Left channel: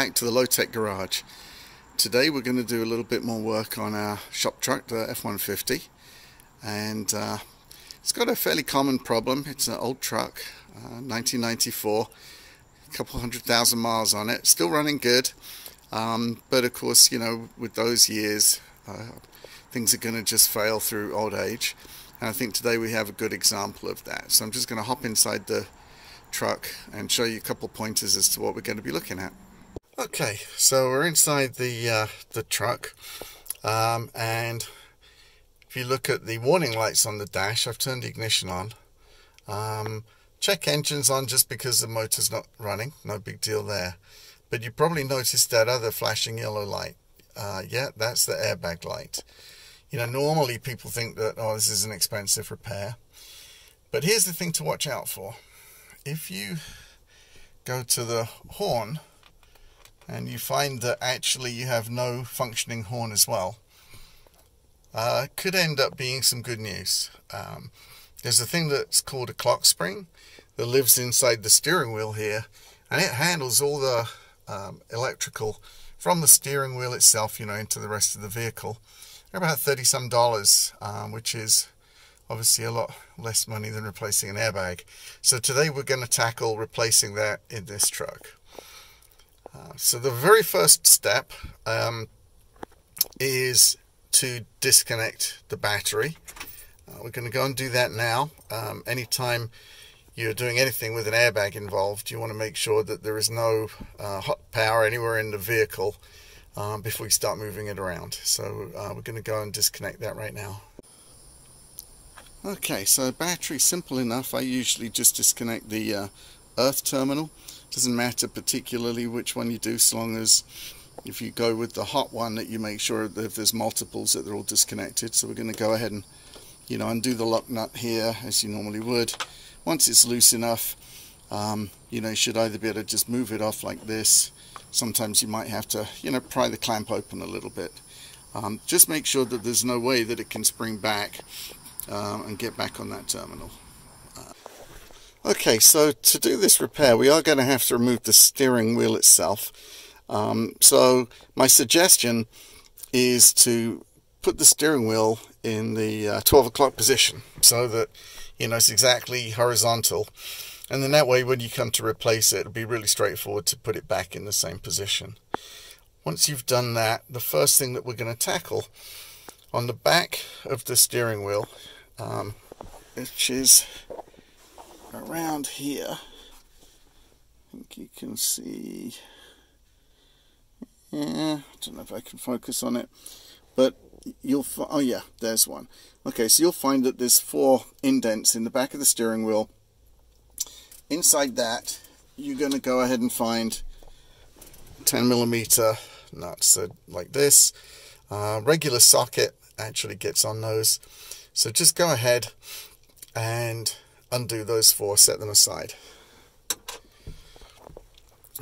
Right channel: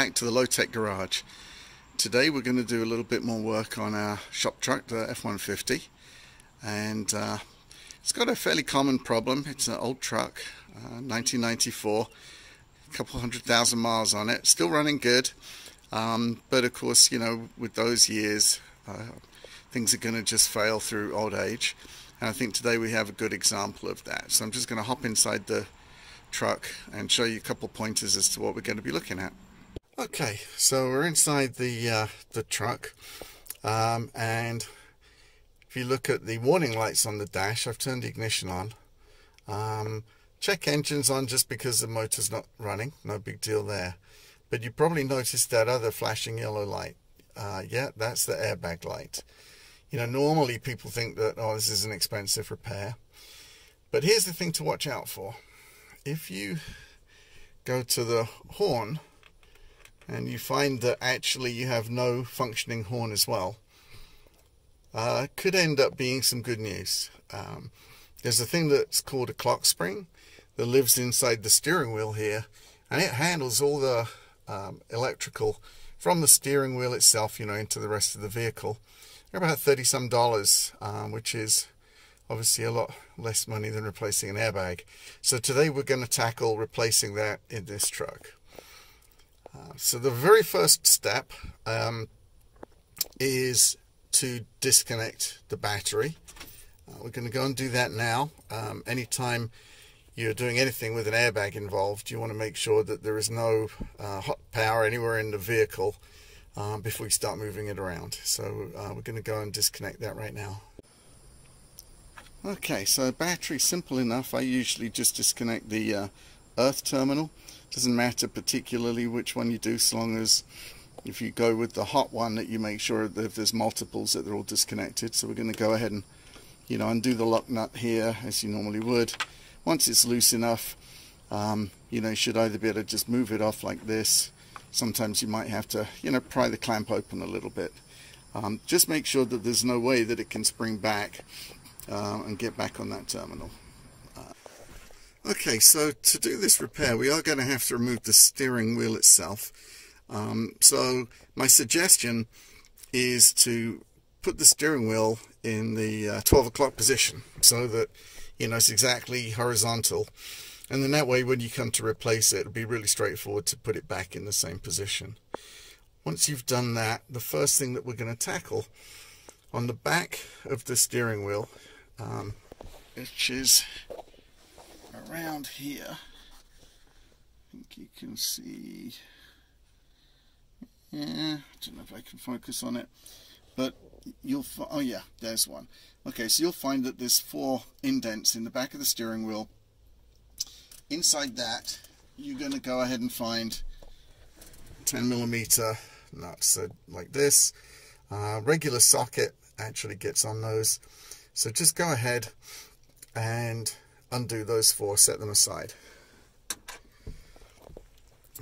back to the Low-Tech Garage. Today we're going to do a little bit more work on our shop truck, the F150, and it's got a fairly common problem. It's an old truck, 1994, a couple 100,000 miles on it, still running good, but of course, you know, with those years things are going to just fail through old age, and I think today we have a good example of that. So I'm just going to hop inside the truck and show you a couple pointers as to what we're going to be looking at. Okay, so we're inside the truck, and if you look at the warning lights on the dash, I've turned the ignition on. Check engines on just because the motor's not running, no big deal there. But you probably noticed that other flashing yellow light. Yeah, that's the airbag light. You know, normally people think that, oh, this is an expensive repair. But here's the thing to watch out for. If you go to the horn and you find that actually you have no functioning horn as well, it could end up being some good news. There's a thing that's called a Clockspring that lives inside the steering wheel here, and it handles all the electrical from the steering wheel itself, you know, into the rest of the vehicle. They're about $30-some, which is obviously a lot less money than replacing an airbag. So today we're going to tackle replacing that in this truck. So the very first step is to disconnect the battery. We're going to go and do that now. Anytime you're doing anything with an airbag involved, you want to make sure that there is no hot power anywhere in the vehicle before you start moving it around. So we're going to go and disconnect that right now. Okay, so battery, simple enough. I usually just disconnect the earth terminal. Doesn't matter particularly which one you do, so long as if you go with the hot one, that you make sure that if there's multiples that they're all disconnected. So we're going to go ahead and, you know, undo the lock nut here as you normally would. Once it's loose enough, you know, you should either be able to just move it off like this. Sometimes you might have to, you know, pry the clamp open a little bit. Just make sure that there's no way that it can spring back and get back on that terminal. Okay, so to do this repair, we are going to have to remove the steering wheel itself. So my suggestion is to put the steering wheel in the 12 o'clock position so that, you know, it's exactly horizontal. And then that way, when you come to replace it, it'll be really straightforward to put it back in the same position. Once you've done that, the first thing that we're going to tackle on the back of the steering wheel, which is around here, I think you can see, yeah, I don't know if I can focus on it, but you'll find, oh yeah, there's one. Okay, so you'll find that there's 4 indents in the back of the steering wheel. Inside that, you're going to go ahead and find 10mm nuts, so like this. Regular socket actually gets on those, so just go ahead and undo those 4, set them aside.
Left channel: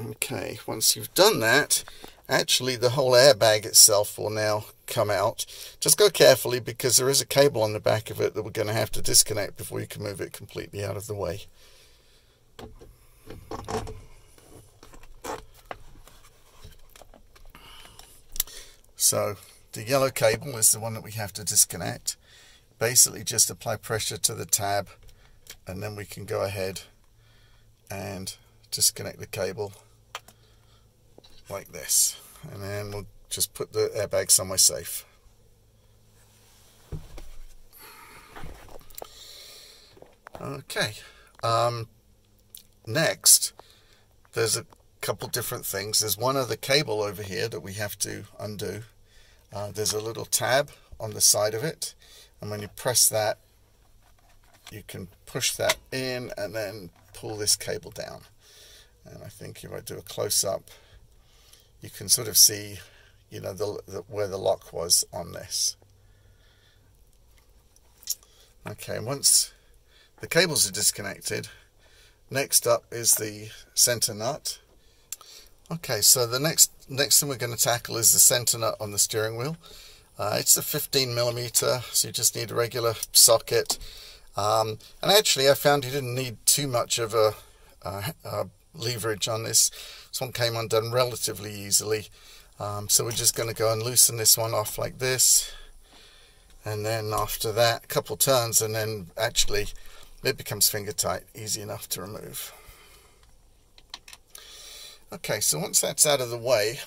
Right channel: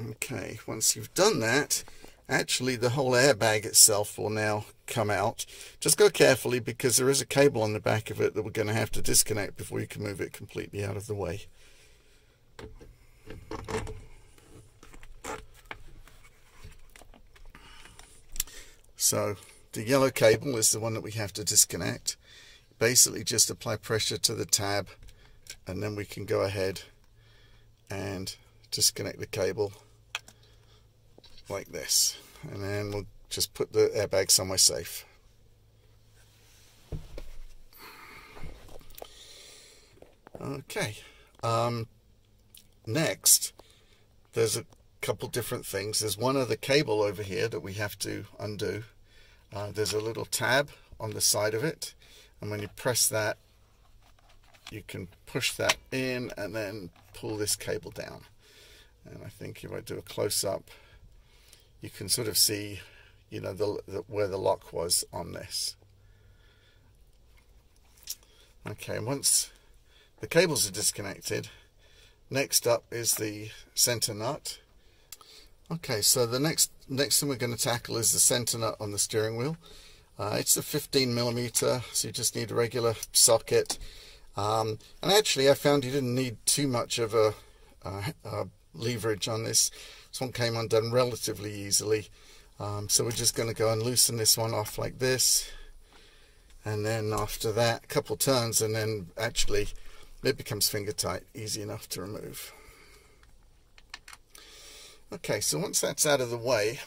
Okay, once you've done that, actually the whole airbag itself will now come out. Just go carefully because there is a cable on the back of it that we're going to have to disconnect before you can move it completely out of the way. So the yellow cable is the one that we have to disconnect. Basically just apply pressure to the tab, and then we can go ahead and disconnect the cable like this, and then we'll just put the airbag somewhere safe. Okay, next there's a couple different things. There's one other cable over here that we have to undo. There's a little tab on the side of it, and when you press that, you can push that in and then pull this cable down. And I think if I do a close-up, you can sort of see, you know, where the lock was on this. Okay, once the cables are disconnected, next up is the center nut. Okay, so the next thing we're going to tackle is the center nut on the steering wheel. It's a 15mm, so you just need a regular socket. And actually I found you didn't need too much of a leverage on this. This one came undone relatively easily. So we're just going to go and loosen this one off like this. And then after that, a couple turns, and then actually it becomes finger tight, easy enough to remove. Okay, so once that's out of the way,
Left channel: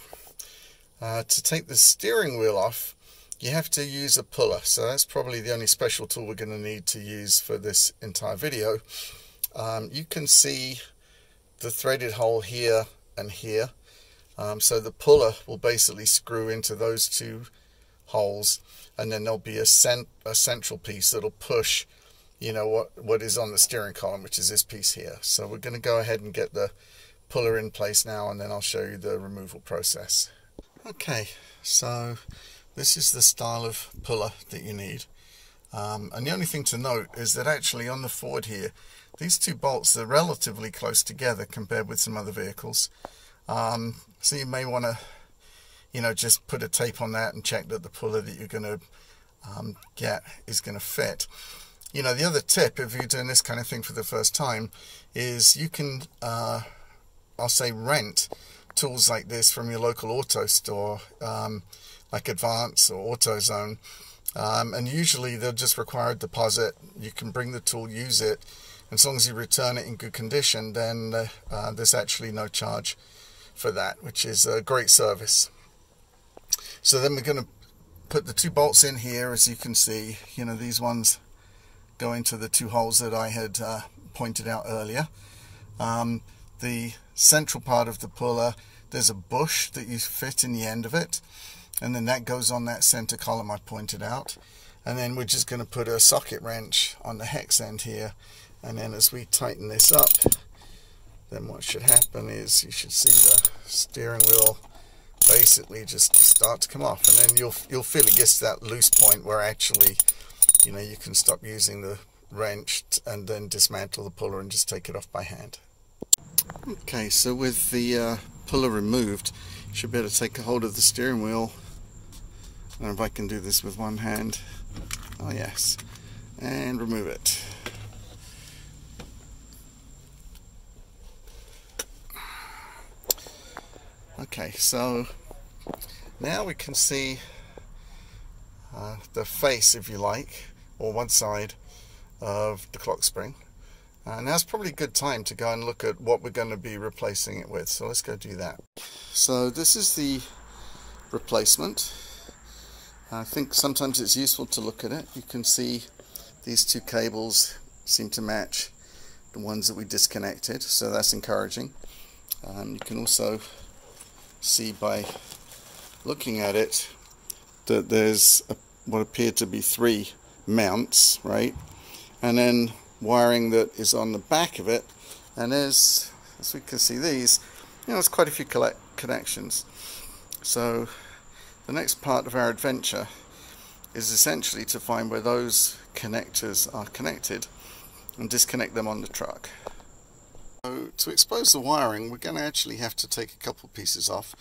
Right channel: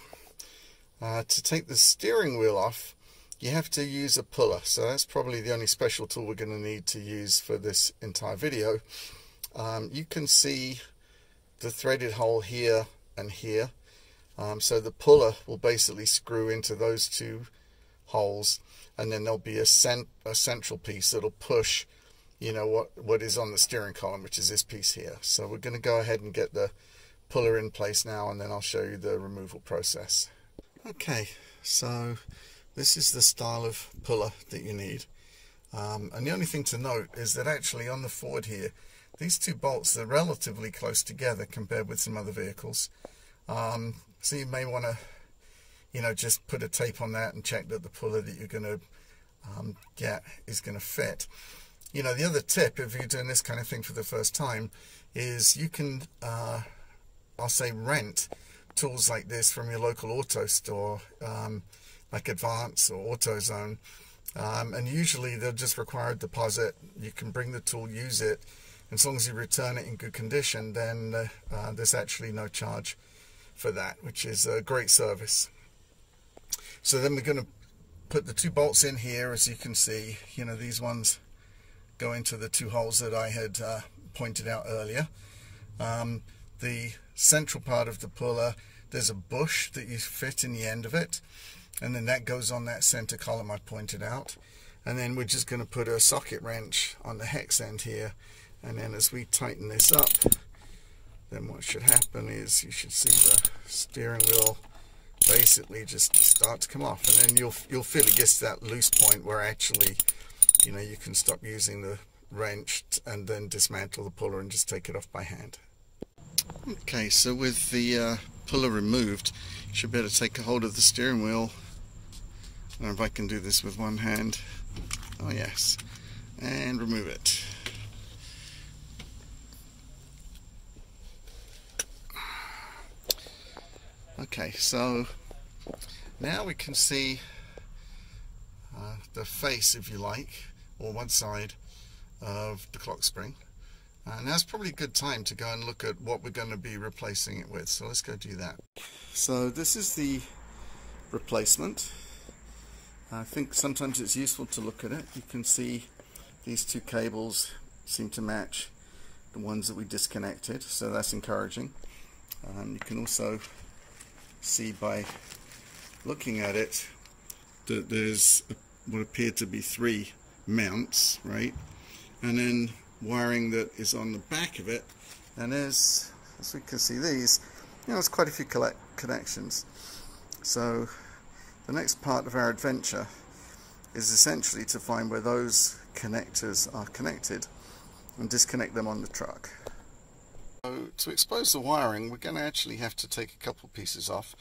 to take the steering wheel off, you have to use a puller. So that's probably the only special tool we're going to need to use for this entire video. You can see the threaded hole here and here. So the puller will basically screw into those two holes, and then there'll be a central piece that'll push, you know, what is on the steering column, which is this piece here. So we're going to go ahead and get the puller in place now, and then I'll show you the removal process. Okay, so this is the style of puller that you need. And the only thing to note is that actually on the Ford here, these two bolts are relatively close together compared with some other vehicles. So you may want to, you know, just put a tape on that and check that the puller that you're going to get is going to fit. You know, the other tip, if you're doing this kind of thing for the first time, is you can, I'll say, rent tools like this from your local auto store, like Advance or AutoZone, and usually they'll just require a deposit. You can bring the tool, use it, and as long as you return it in good condition, then there's actually no charge for that, which is a great service. So then we're going to put the two bolts in here. As you can see, you know, these ones go into the two holes that I had pointed out earlier. The central part of the puller, there's a bush that you fit in the end of it, and then that goes on that center column I pointed out. And then we're just going to put a socket wrench on the hex end here, and then as we tighten this up, then what should happen is you should see the steering wheel basically just start to come off, and then you'll feel it gets to that loose point where actually, you know, you can stop using the wrench and then dismantle the puller and just take it off by hand. Okay, so with the puller removed, you should be able to take a hold of the steering wheel. I don't know if I can do this with one hand. Oh yes, and remove it. Okay, so now we can see the face, if you like, or one side of the clock spring. Now's probably a good time to go and look at what we're going to be replacing it with. So let's go do that. So this is the replacement. I think sometimes it's useful to look at it. You can see these two cables seem to match the ones that we disconnected, so that's encouraging. You can also see by looking at it that there's what appear to be three mounts, right? And then wiring that is on the back of it, and as we can see, these, you know, there's quite a few connections. So the next part of our adventure is essentially to find where those connectors are connected and disconnect them on the truck. So to expose the wiring, we're going to actually have to take a couple pieces off.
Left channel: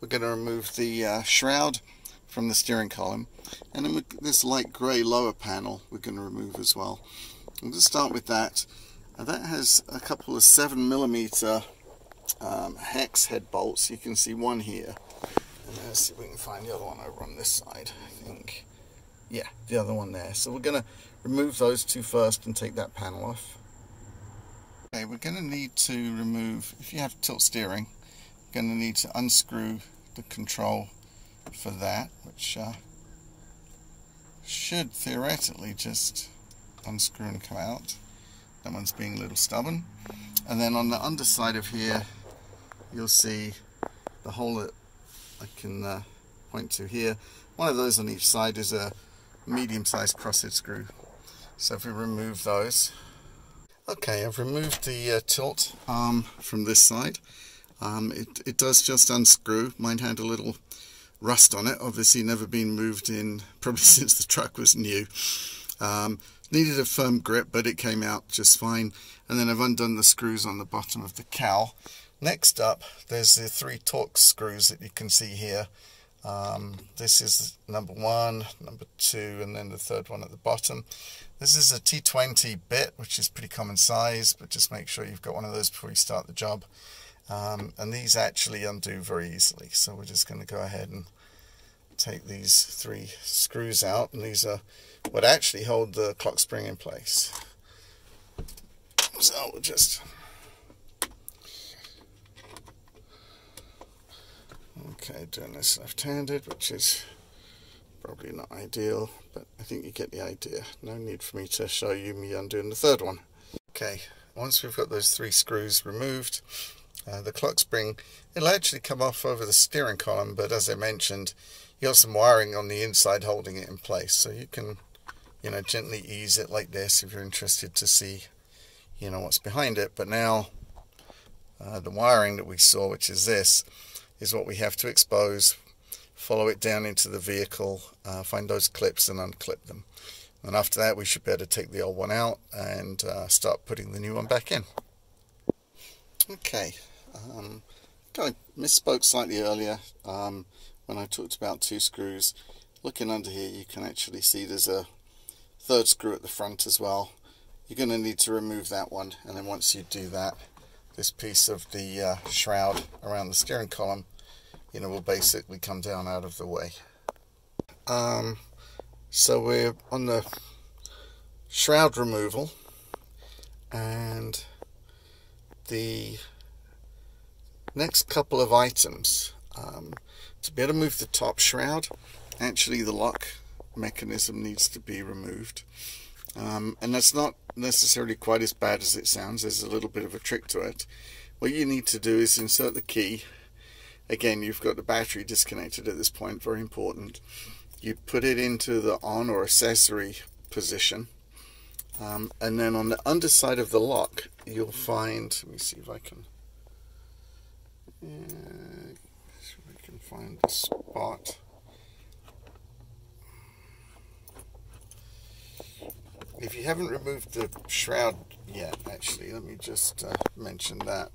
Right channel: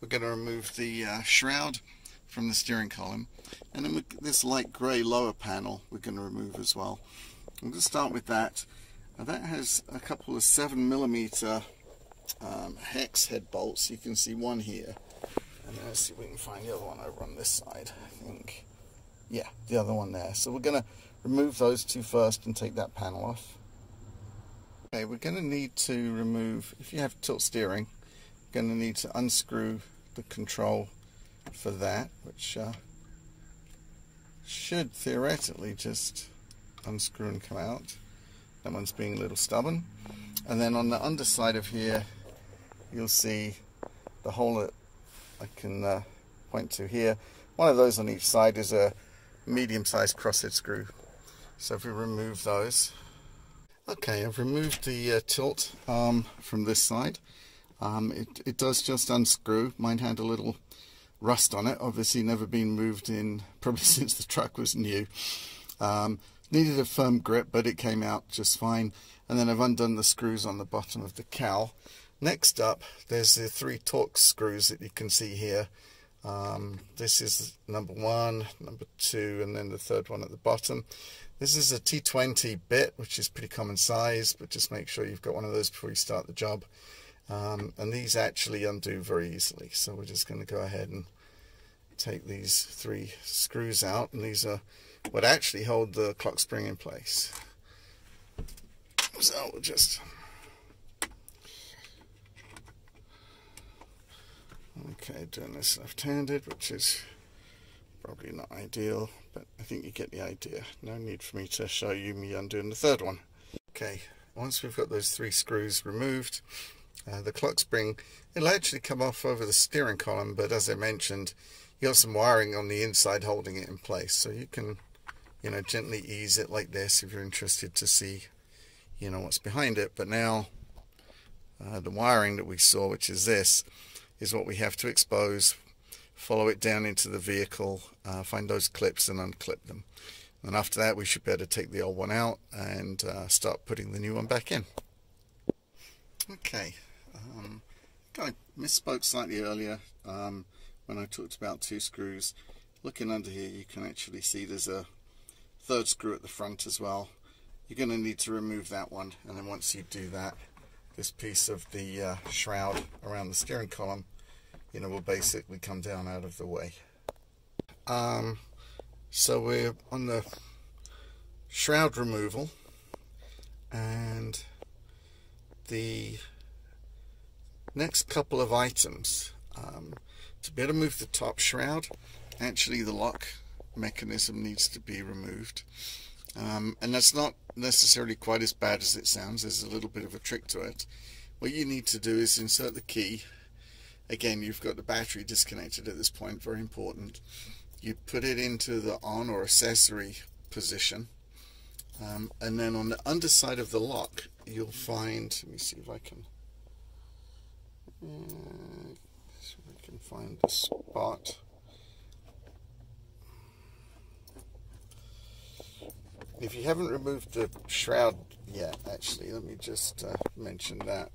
We're going to remove the shroud from the steering column, and then this light grey lower panel we're going to remove as well. I'm going to start with that. That has a couple of 7mm hex head bolts. You can see one here, and let's see if we can find the other one over on this side. I think, yeah, the other one there. So we're going to remove those two first and take that panel off. Okay, we're going to need to remove, if you have tilt steering, you're going to need to unscrew the control for that, which should theoretically just unscrew and come out. That one's being a little stubborn. And then on the underside of here, you'll see the hole that I can point to here. One of those on each side is a medium-sized crosshead screw. So if we remove those. Okay, I've removed the tilt arm from this side. It does just unscrew. Mine had a little rust on it, obviously never been moved in probably since the truck was new. Needed a firm grip, but it came out just fine. And then I've undone the screws on the bottom of the cowl. Next up, there's the three Torx screws that you can see here. This is number 1, number 2, and then the third one at the bottom. This is a T20 bit, which is pretty common size, but just make sure you've got one of those before you start the job. and these actually undo very easily. So we're just going to go ahead and take these 3 screws out, and these are what actually hold the clock spring in place. So we'll just doing this left-handed, which is probably not ideal, but I think you get the idea. No need for me to show you me undoing the 3rd one. Okay, once we've got those 3 screws removed, the clock spring, it'll actually come off over the steering column, but as I mentioned, you got some wiring on the inside holding it in place, so you can, gently ease it like this if you're interested to see, what's behind it. But now the wiring that we saw, which is this, is what we have to expose, follow it down into the vehicle, find those clips and unclip them. And after that we should be able to take the old one out and start putting the new one back in. Okay, kind of misspoke slightly earlier when I talked about 2 screws. Looking under here, you can actually see there's a 3rd screw at the front as well. You're going to need to remove that one, and then once you do that, this piece of the shroud around the steering column, will basically come down out of the way. So we're on the shroud removal, and the next couple of items, to be able to move the top shroud, actually the lock mechanism needs to be removed, and that's not necessarily quite as bad as it sounds. There's a little bit of a trick to it. What you need to do is insert the key. Again, you've got the battery disconnected at this point, very important. You put it into the on or accessory position, and then on the underside of the lock you'll find, let me see if I can find the spot. If you haven't removed the shroud yet, actually, let me just mention that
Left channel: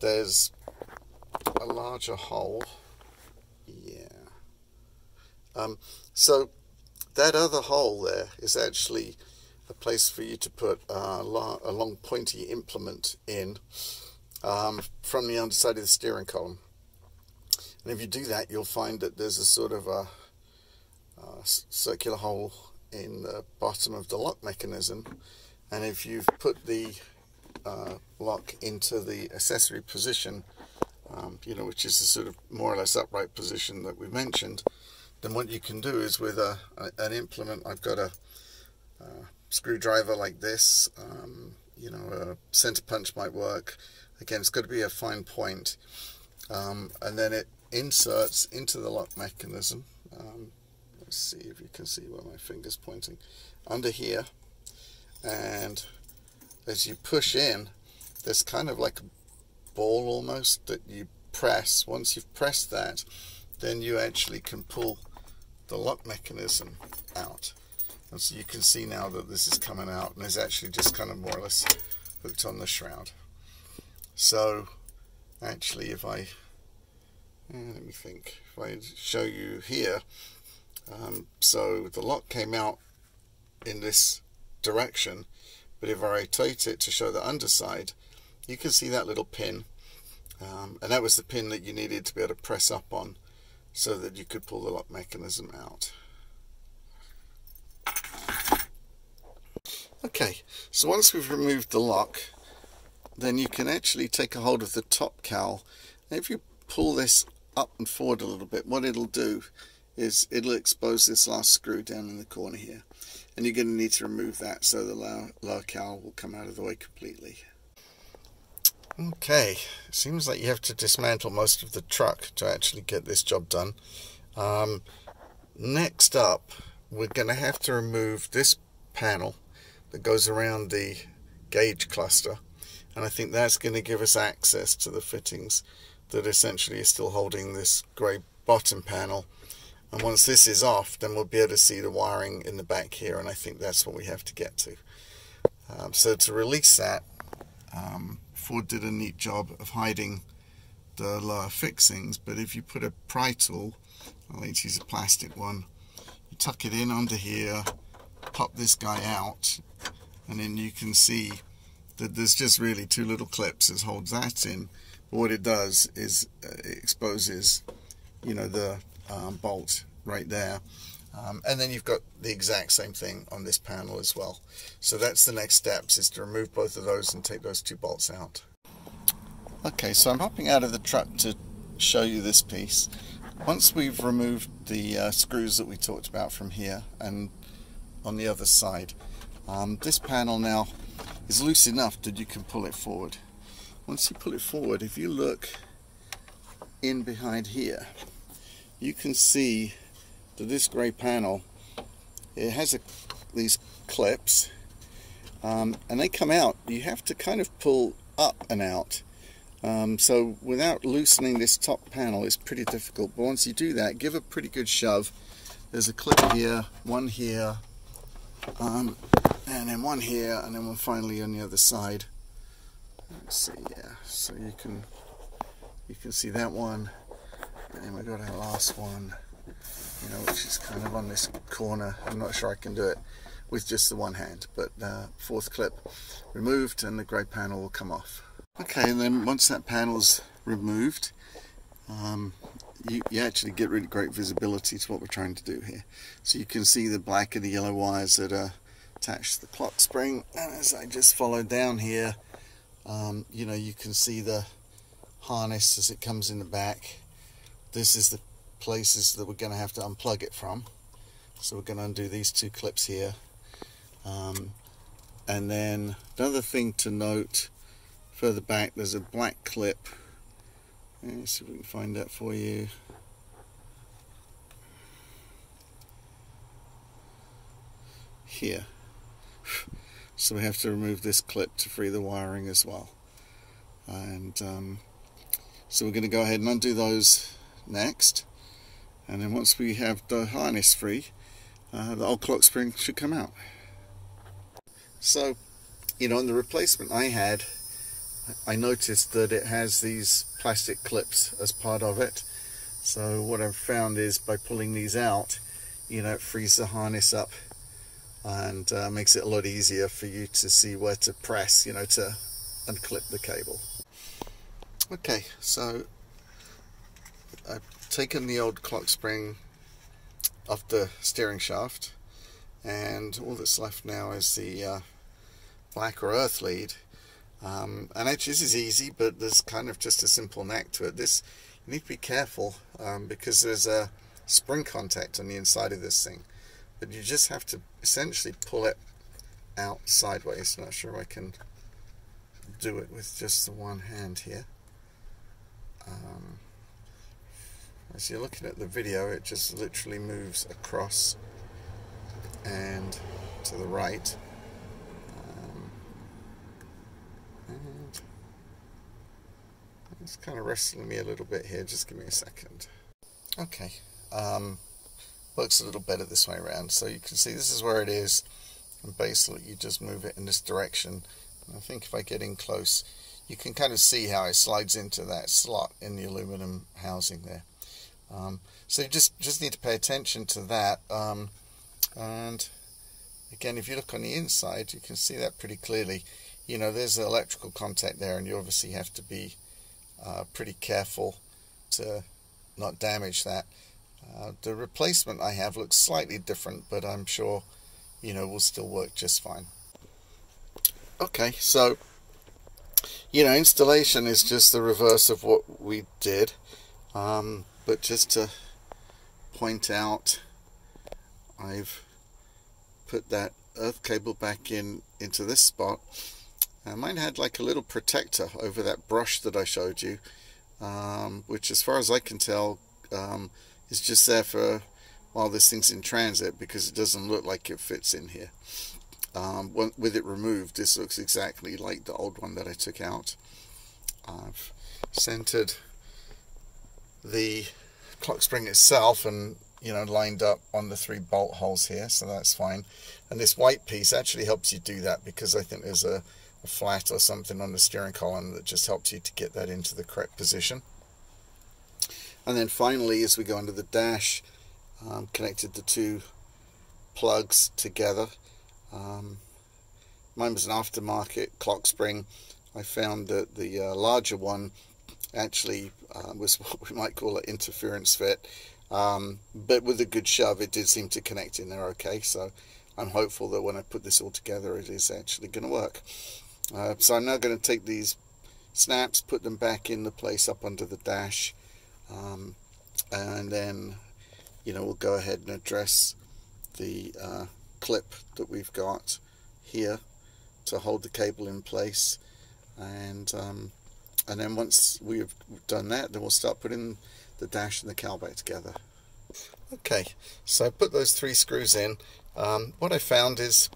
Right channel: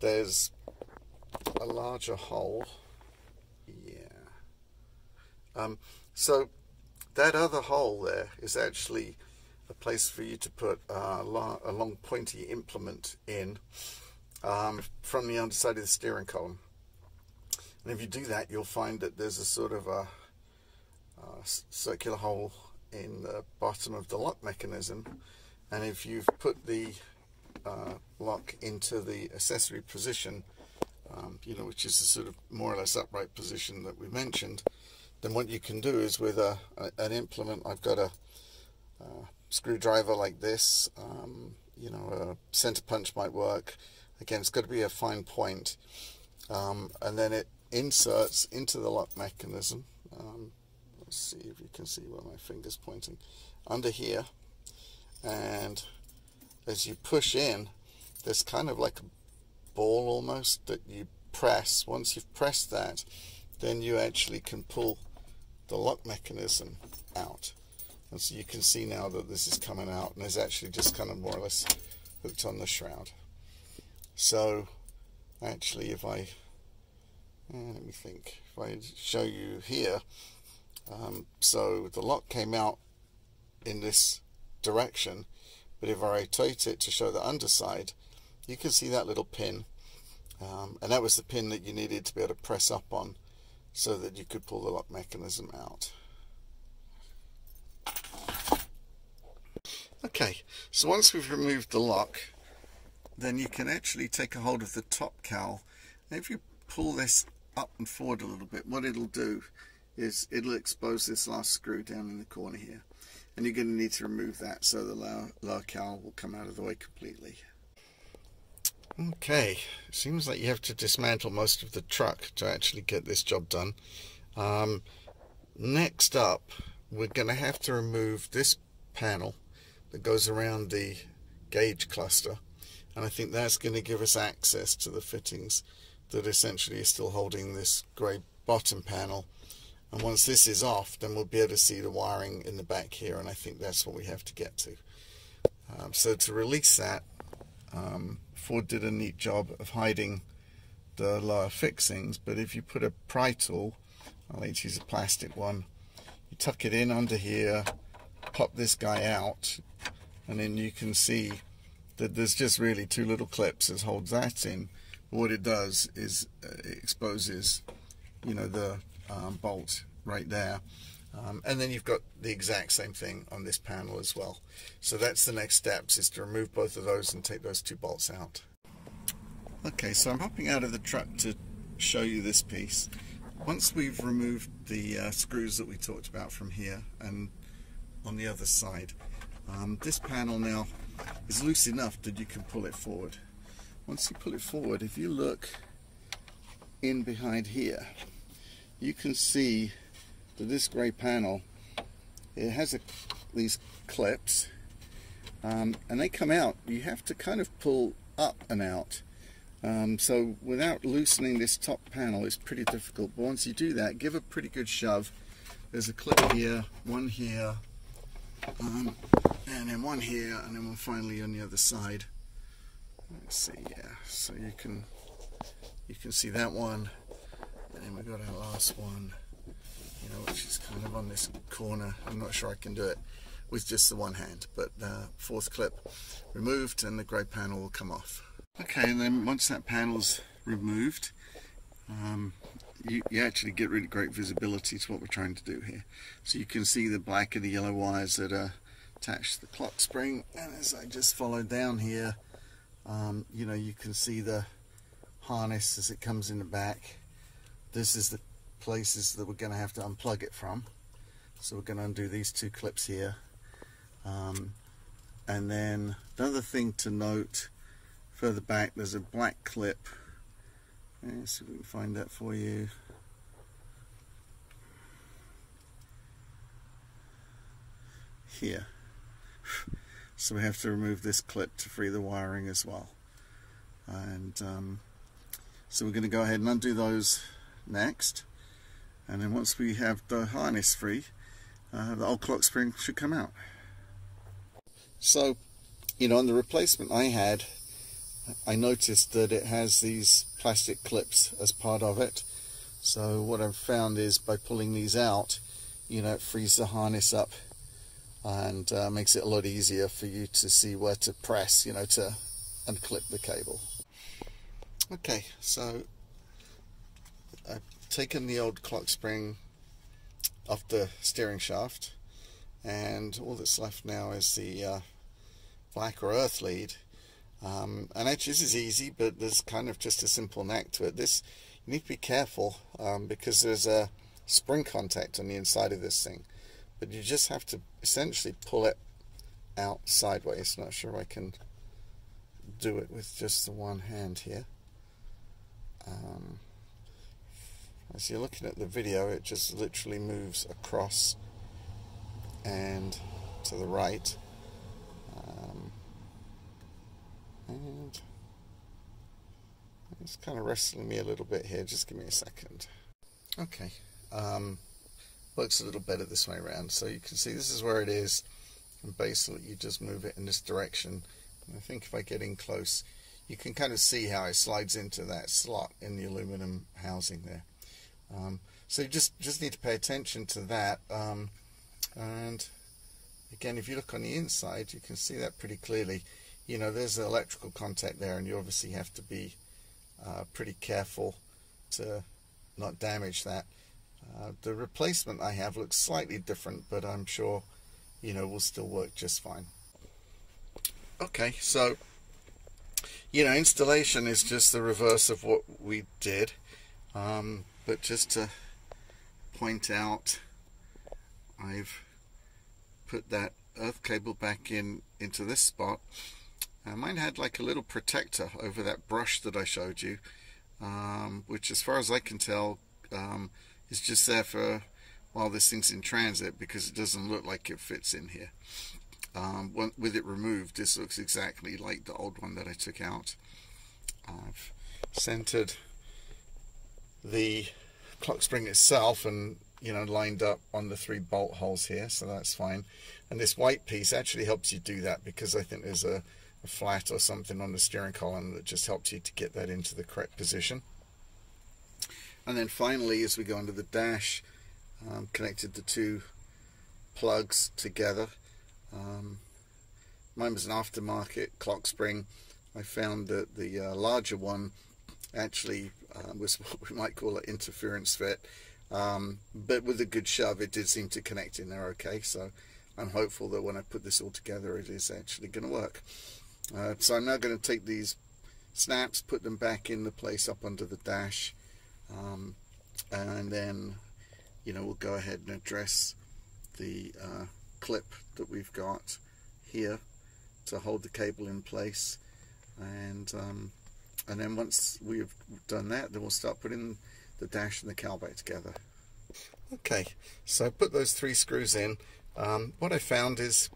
there's a larger hole. So that other hole there is actually a place for you to put a long pointy implement in from the underside of the steering column. And if you do that, you'll find that there's a sort of a circular hole in the bottom of the lock mechanism, and if you've put the lock into the accessory position, which is the sort of more or less upright position that we mentioned, then what you can do is with an implement, I've got a screwdriver like this, a center punch might work. Again, it's got to be a fine point, and then it inserts into the lock mechanism. Let's see if you can see where my finger's pointing, under here, and as you push in, there's kind of like a ball almost that you press. Once you've pressed that, then you actually can pull the lock mechanism out, and so you can see now that this is coming out and is actually just kind of more or less hooked on the shroud. So actually, if I let me think, if I show you here, so the lock came out in this direction, but if I rotate it to show the underside, you can see that little pin, and that was the pin that you needed to be able to press up on so that you could pull the lock mechanism out. Okay, so once we've removed the lock, then you can actually take a hold of the top cowl, and if you pull this up and forward a little bit, what it'll do is it'll expose this last screw down in the corner here, and you're going to need to remove that so the lower cowl will come out of the way completely. Okay, it seems like you have to dismantle most of the truck to actually get this job done. Next up, we're going to have to remove this panel that goes around the gauge cluster, and I think that's going to give us access to the fittings that essentially is still holding this grey bottom panel. And once this is off, then we'll be able to see the wiring in the back here, and I think that's what we have to get to. So to release that, Ford did a neat job of hiding the lower fixings, but if you put a pry tool, I like to use a plastic one, you tuck it in under here, pop this guy out, and then you can see that there's just really 2 little clips that holds that in, what it does is it exposes, you know, the bolt right there. And then you've got the exact same thing on this panel as well. So that's the next steps, is to remove both of those and take those two bolts out. Okay, so I'm hopping out of the truck to show you this piece. Once we've removed the screws that we talked about from here and on the other side, this panel now is loose enough that you can pull it forward. Once you pull it forward, if you look in behind here, you can see that this grey panel, it has these clips, and they come out. You have to kind of pull up and out. So without loosening this top panel, it's pretty difficult. But once you do that, give a pretty good shove. There's a clip here, one here, and then one here, and then one finally on the other side. Let's see, yeah. So you can see that one, and then we've got our last one, you know, which is kind of on this corner. I'm not sure I can do it with just the one hand, but fourth clip removed, and the grey panel will come off. Okay, and then once that panel's removed, you actually get really great visibility to what we're trying to do here. So you can see the black and the yellow wires that are attached to the clock spring, and as I just followed down here, you know, you can see the harness as it comes in the back. This is the places that we're going to have to unplug it from. So we're going to undo these two clips here. And then another thing to note, further back there's a black clip. Let's see if we can find that for you. Here. So we have to remove this clip to free the wiring as well. And so we're going to go ahead and undo those next. And then once we have the harness free, the old clock spring should come out. So, you know, on the replacement I had, I noticed that it has these plastic clips as part of it. So what I've found is by pulling these out, you know, it frees the harness up and makes it a lot easier for you to see where to press, you know, to unclip the cable. Okay, so I've taken the old clock spring off the steering shaft, and all that's left now is the black or earth lead. And actually this is easy, but there's kind of just a simple knack to it. This, you need to be careful because there's a spring contact on the inside of this thing, but you just have to essentially pull it out sideways. Not sure if I can do it with just the one hand here. As you're looking at the video, it just literally moves across and to the right. And it's kind of wrestling me a little bit here. Just give me a second. Okay, works a little better this way around. So you can see this is where it is, and basically you just move it in this direction. And I think if I get in close, you can kind of see how it slides into that slot in the aluminum housing there. So you just need to pay attention to that. And again, if you look on the inside, you can see that pretty clearly. You know, there's an electrical contact there, and you obviously have to be pretty careful to not damage that. The replacement I have looks slightly different, but I'm sure, you know, will still work just fine. Okay, so, you know, installation is just the reverse of what we did, but just to point out, I've put that earth cable back into this spot. Mine had like a little protector over that brush that I showed you, which as far as I can tell is just there for while this thing's in transit, because it doesn't look like it fits in here. With it removed, this looks exactly like the old one that I took out. I've centered the clock spring itself and, you know, lined up on the 3 bolt holes here, so that's fine. And this white piece actually helps you do that, because I think there's a flat or something on the steering column that just helps you to get that into the correct position. And then finally, as we go into the dash, connected the 2 plugs together. Mine was an aftermarket clock spring. I found that the larger one actually was what we might call an interference fit, but with a good shove it did seem to connect in there okay, so I'm hopeful that when I put this all together it is actually going to work. So I'm now going to take these snaps, put them back in the place up under the dash, and then we'll go ahead and address the clip that we've got here to hold the cable in place, and then once we've done that, then we'll start putting the dash and the cowl back together. Okay, so I put those 3 screws in. What I found is,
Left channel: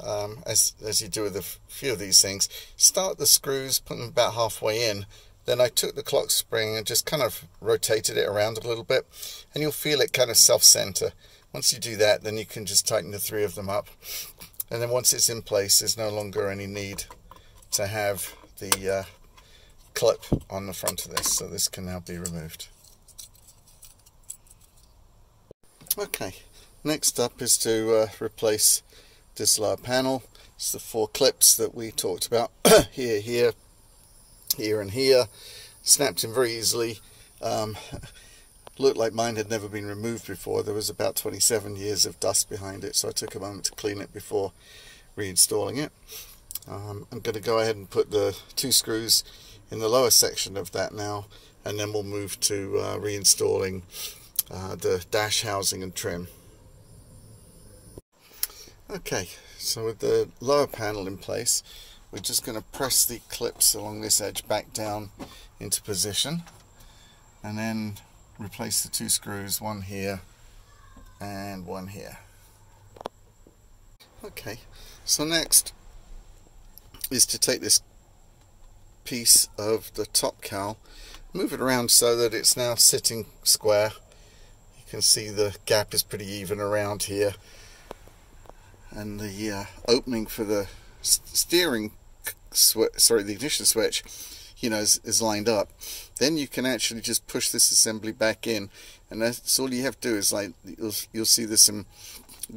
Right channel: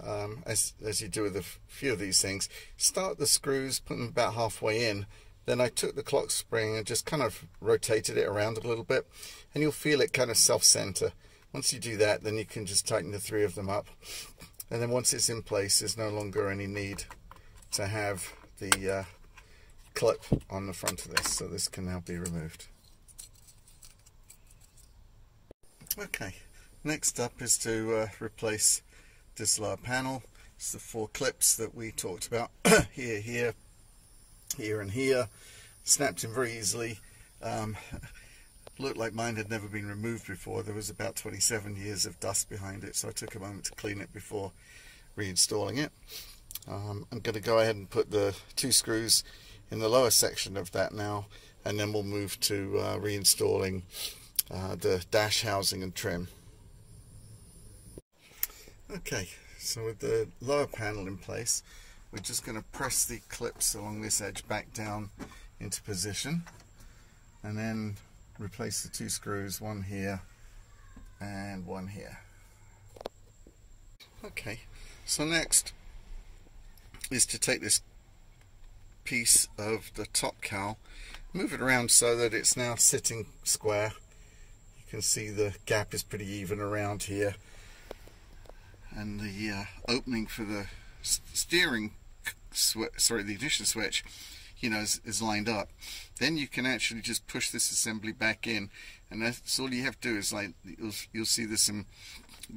as you do with a few of these things, start the screws, put them about halfway in, then I took the clock spring and just kind of rotated it around a little bit, and you'll feel it kind of self-center. Once you do that, then you can just tighten the 3 of them up, and then once it's in place, there's no longer any need to have the clip on the front of this, so this can now be removed. Okay, next up is to replace this lower panel. It's the 4 clips that we talked about here, here, here and here. Snapped in very easily. Looked like mine had never been removed before. There was about 27 years of dust behind it, so I took a moment to clean it before reinstalling it. I'm going to go ahead and put the 2 screws in the lower section of that now, and then we'll move to reinstalling the dash housing and trim. Okay, so with the lower panel in place, we're just going to press the clips along this edge back down into position, and then replace the 2 screws, one here and one here. Okay, so next is to take this piece of the top cowl, move it around so that it's now sitting square. You can see the gap is pretty even around here, and the opening for the steering the ignition switch, is lined up. Then you can actually just push this assembly back in, and that's all you have to do. Is like you'll see there's some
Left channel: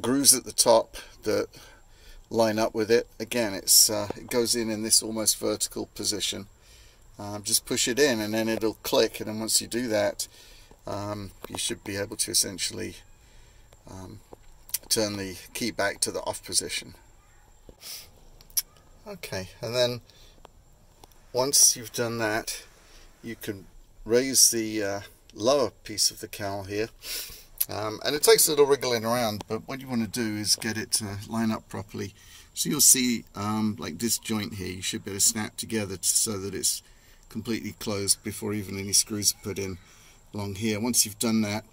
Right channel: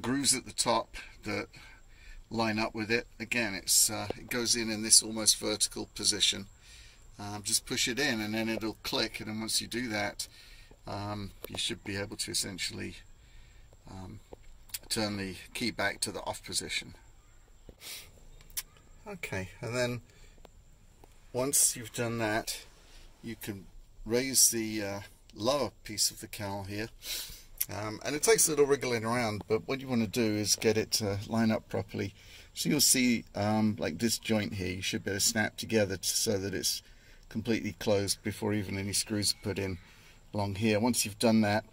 grooves at the top that line up with it. Again, it goes in this almost vertical position. Just push it in and then it'll click, and then once you do that, you should be able to essentially turn the key back to the off position. Okay, and then once you've done that, you can raise the lower piece of the cowl here, and it takes a little wriggling around, but what you want to do is get it to line up properly. So you'll see like this joint here, you should be able to snap together so that it's completely closed before even any screws are put in along here. Once you've done that,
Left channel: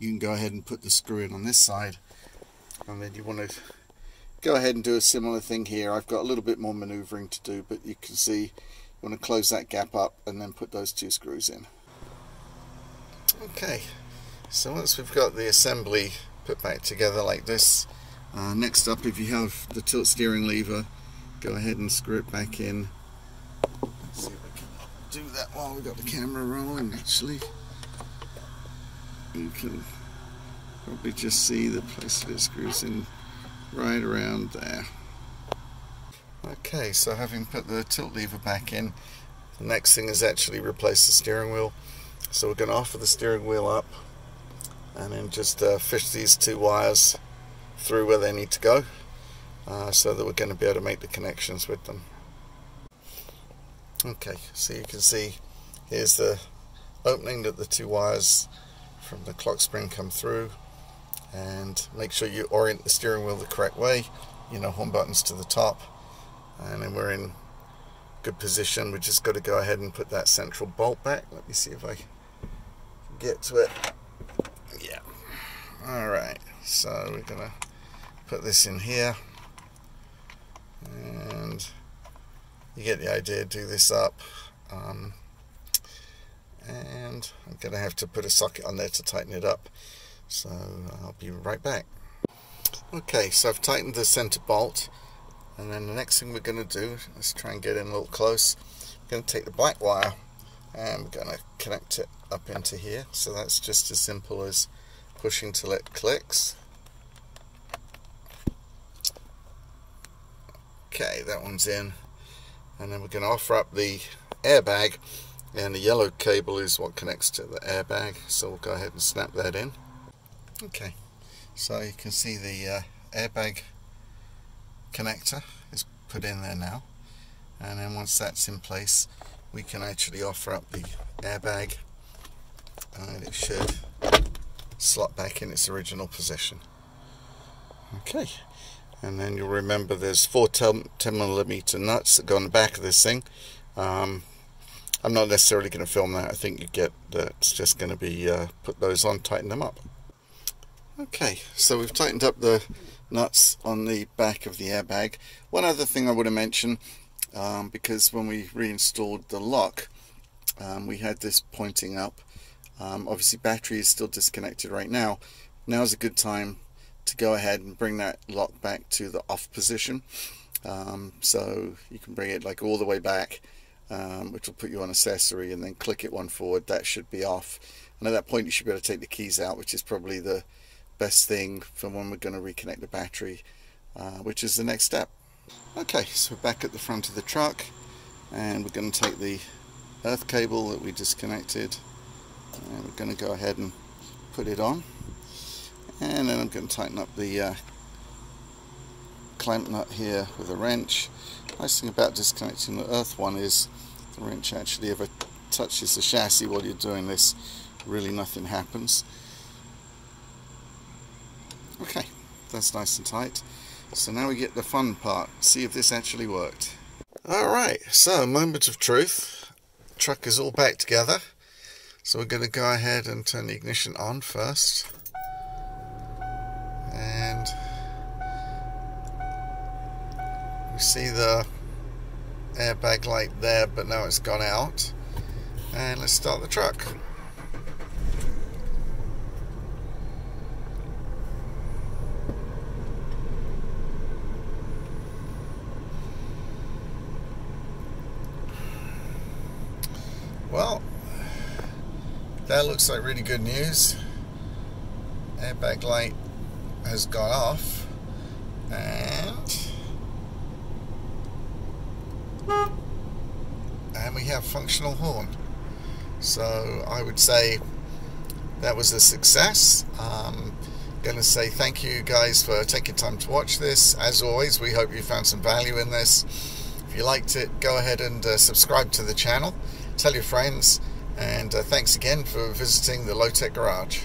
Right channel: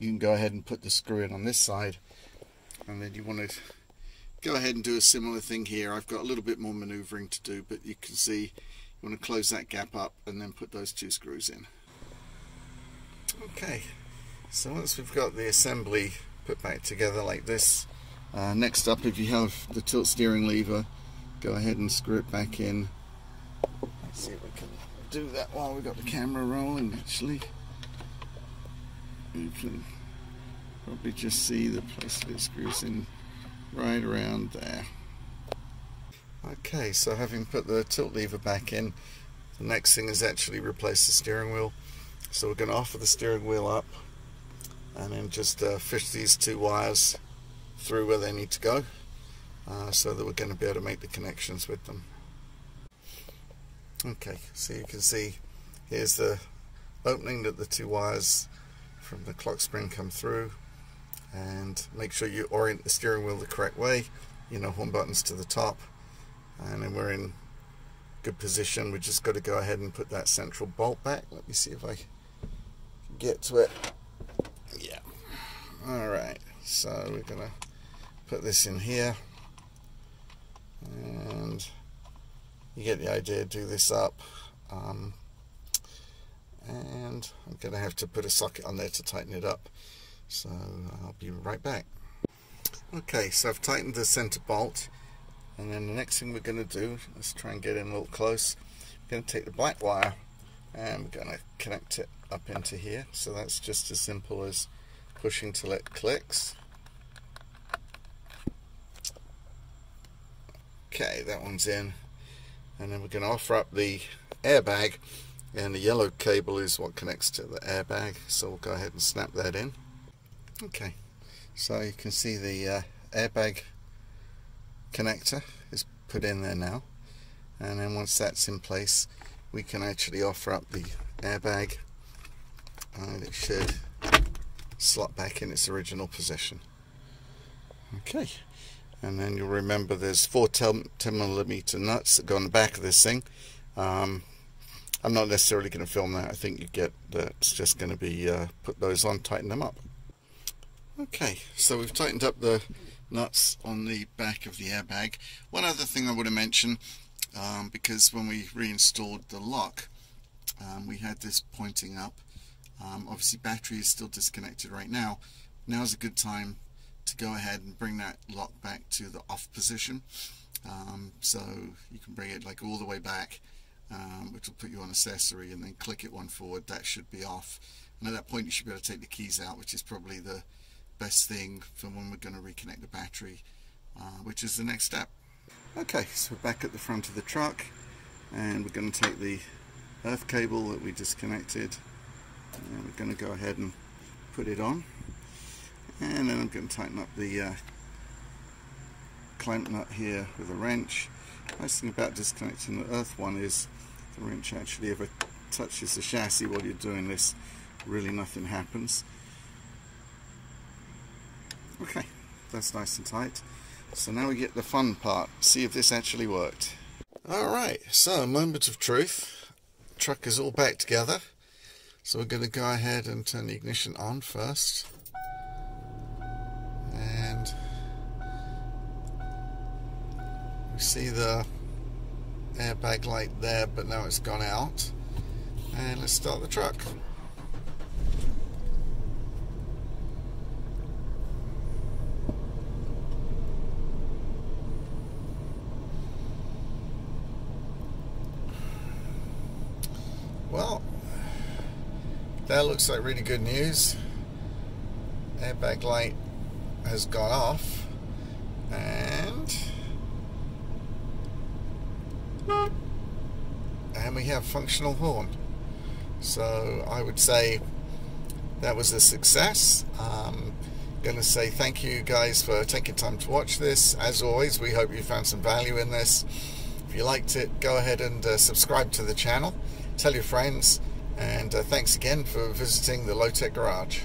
you can go ahead and put the screw in on this side, and then you want to go ahead and do a similar thing here. I've got a little bit more maneuvering to do, but you can see you want to close that gap up and then put those 2 screws in. Okay, so once we've got the assembly put back together like this, next up, if you have the tilt steering lever, go ahead and screw it back in. Let's see if I can do that while we've got the camera rolling. Actually, you can probably just see the place that it screws in right around there. Okay, so having put the tilt lever back in, the next thing is actually replace the steering wheel. So we're going to offer the steering wheel up and then just fish these 2 wires through where they need to go, so that we're going to be able to make the connections with them. Okay, so you can see here's the opening that the 2 wires from the clock spring come through, and make sure you orient the steering wheel the correct way. Home buttons to the top, and then we're in good position. We just got to go ahead and put that central bolt back. Let me see if I can get to it. Yeah. Alright, so we're gonna put this in here, and you get the idea. Do this up, and I'm gonna have to put a socket on there to tighten it up, so I'll be right back. Okay, so I've tightened the center bolt, and then the next thing we're going to do, let's try and get in a little close. We're going to take the black wire and we're going to connect it up into here. So that's just as simple as pushing till it clicks. Okay, that one's in, and then we're going to offer up the airbag, and the yellow cable is what connects to the airbag, so we'll go ahead and snap that in. Okay, so you can see the airbag connector is put in there now, and then once that's in place we can actually offer up the airbag and it should slot back in its original position. Okay, and then you'll remember there's 4 10mm nuts that go on the back of this thing. I'm not necessarily going to film that. I think you get that it's just going to be put those on, tighten them up. Okay, so we've tightened up the nuts on the back of the airbag. One other thing I want to mention, because when we reinstalled the lock, we had this pointing up. Obviously battery is still disconnected right now. Now's a good time to go ahead and bring that lock back to the off position. So you can bring it like all the way back, which will put you on accessory, and then click it one forward. That should be off, and at that point you should be able to take the keys out, which is probably the best thing for when we're going to reconnect the battery, which is the next step. Okay, so we're back at the front of the truck, and we're going to take the earth cable that we disconnected, and we're going to go ahead and put it on, and then I'm going to tighten up the clamp nut here with a wrench. Nice thing about disconnecting the earth one is the wrench actually, if it touches the chassis while you're doing this, really nothing happens. Okay, that's nice and tight. So now we get the fun part, see if this actually worked. Alright, so moment of truth. The truck is all back together. So we're going to go ahead and turn the ignition on first. And we see the airbag light there, but now it's gone out. And let's start the truck. Well, that looks like really good news. Airbag light has gone off, and we have functional horn. So I would say that was a success. Going to say thank you guys for taking time to watch this. As always, we hope you found some value in this. If you liked it, go ahead and subscribe to the channel, tell your friends, and thanks again for visiting the Low Tech Garage.